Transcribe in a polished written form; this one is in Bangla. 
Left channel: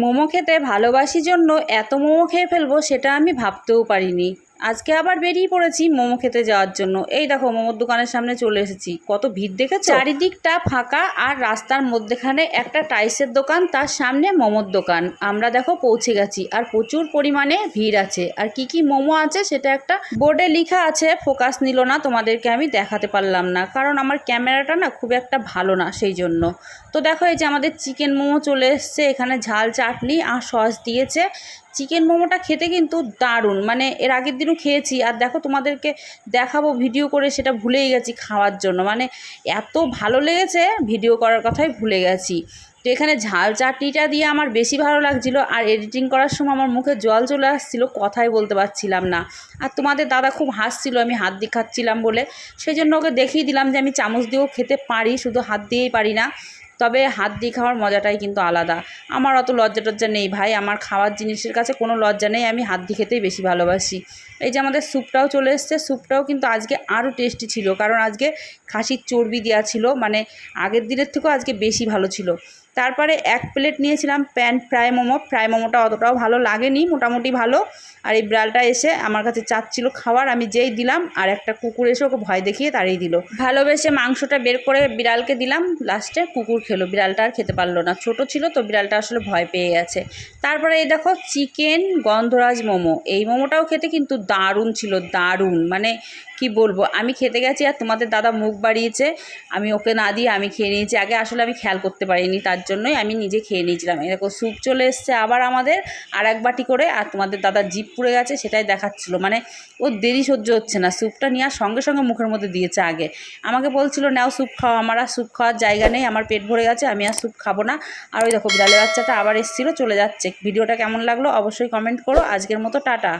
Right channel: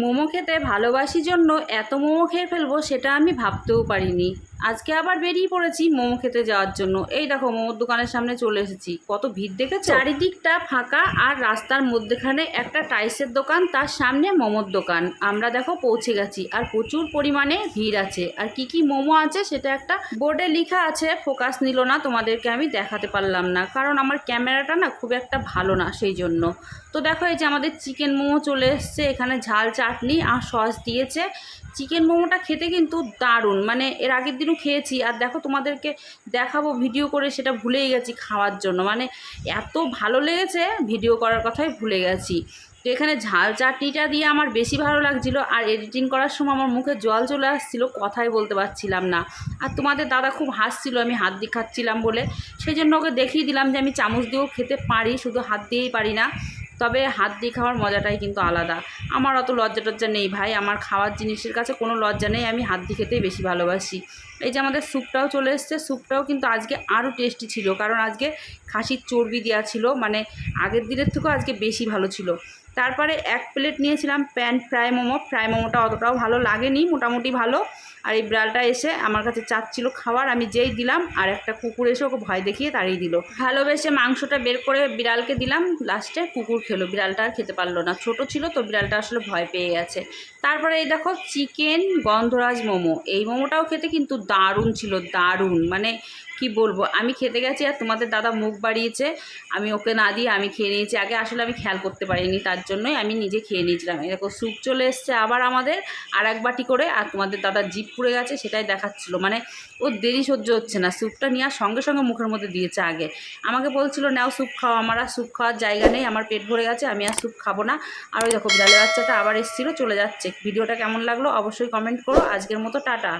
মোমো খেতে ভালোবাসি জন্য এত মোমো খেয়ে ফেলবো সেটা আমি ভাবতেও পারিনি। আজকে আবার বেরিয়ে পড়েছি মোমো খেতে যাওয়ার জন্য। এই দেখো মোমোর দোকানের সামনে চলে এসেছি। কত ভিড় দেখেছো? চারিদিকটা ফাঁকা আর রাস্তার মধ্যেখানে একটা টাইসের দোকান, তার সামনে মোমোর দোকান। আমরা দেখো পৌঁছে গেছি আর প্রচুর পরিমাণে ভিড় আছে। আর কি কি মোমো আছে সেটা একটা বোর্ডে লেখা আছে, ফোকাস নিল না, তোমাদেরকে আমি দেখাতে পারলাম না কারণ আমার ক্যামেরাটা না খুব একটা ভালো না, সেই জন্য। তো দেখো এই যে আমাদের চিকেন মোমো চলে এসছে, এখানে ঝাল চাটনি আর সস দিয়েছে। চিকেন মোমোটা খেতে কিন্তু দারুণ, মানে এর আগের দিনও খেয়েছি আর দেখো তোমাদেরকে দেখাবো ভিডিও করে, সেটা ভুলেই গেছি খাওয়ার জন্য। মানে এত ভালো লেগেছে, ভিডিও করার কথাই ভুলে গেছি। তো এখানে ঝাল চাটনিটা দিয়ে আমার বেশি ভালো লাগছিলো আর এডিটিং করার সময় আমার মুখে জল চলে আসছিলো, কথাই বলতে পারছিলাম না। আর তোমাদের দাদা খুব হাসছিল আমি হাত দিয়ে খাচ্ছিলাম বলে, সেই জন্য ওকে দেখিয়ে দিলাম যে আমি চামচ দিয়েও খেতে পারি, শুধু হাত দিয়েই পারি না। তবে হাত দিয়ে খাওয়ার মজাটাই কিন্তু আলাদা। আমার অত লজ্জা টজ্জা নেই ভাই, আমার খাওয়ার জিনিসের কাছে কোনো লজ্জা নেই, আমি হাত দিয়ে খেতেই বেশি ভালোবাসি। এই যে আমাদের স্যুপটাও চলে এসছে, স্যুপটাও কিন্তু আজকে আরও টেস্টি ছিল কারণ আজকে খাসির চর্বি দেওয়া ছিল, মানে আগের দিনের থেকেও আজকে বেশি ভালো ছিল। তারপরে এক প্লেট নিয়েছিলাম প্যান ফ্রাই মোমো। ফ্রাই মোমোটা অতটাও ভালো লাগেনি, মোটামুটি ভালো। আর এই বিড়ালটা এসে আমার কাছে চাচ্ছিল খাবার, আমি যেই দিলাম আর একটা কুকুর এসে ওকে ভয় দেখিয়ে তাড়িয়ে দিল। ভালোবেসে মাংসটা বের করে বিড়ালকে দিলাম, লাস্টে কুকুর খেলো, বিড়ালটা আর খেতে পারলো না, ছোট ছিল তো বিড়ালটা আসলে ভয় পেয়ে গেছে। তারপরে এই দেখো চিকেন গন্ধরাজ মোমো, এই মোমোটাও খেতে কিন্তু দারুণ ছিল, দারুণ, মানে কি বলবো। আমি খেতে গেছি আর তোমাদের দাদা মুখ বাড়িয়েছে, আমি ওকে না দিয়ে আমি খেয়ে নিয়েছি আগে, আসলে আমি খেয়াল করতে পারিনি, তার জন্যই আমি নিজে খেয়ে নিয়েছিলাম। এরকম স্যুপ চলে এসছে আবার আমাদের আর এক বাটি করে, আর তোমাদের দাদার জিভ পুড়ে গেছে সেটাই দেখাচ্ছিলো, মানে ওর দেরি সহ্য হচ্ছে না, স্যুপটা নেওয়ার সঙ্গে সঙ্গে মুখের মধ্যে দিয়েছে আগে। আমাকে বলছিল নাও স্যুপ খাও, আমার আর স্যুপ খাওয়ার জায়গা নেই, আমার পেট ভরে গেছে, আমি আর স্যুপ খাবো না। আর ওই দেখো বিড়ালের বাচ্চাটা আবার এসেছিলো, চলে যাচ্ছে। ভিডিওটা কেমন লাগলো অবশ্যই কমেন্ট করো। আজকের মতো টাটা।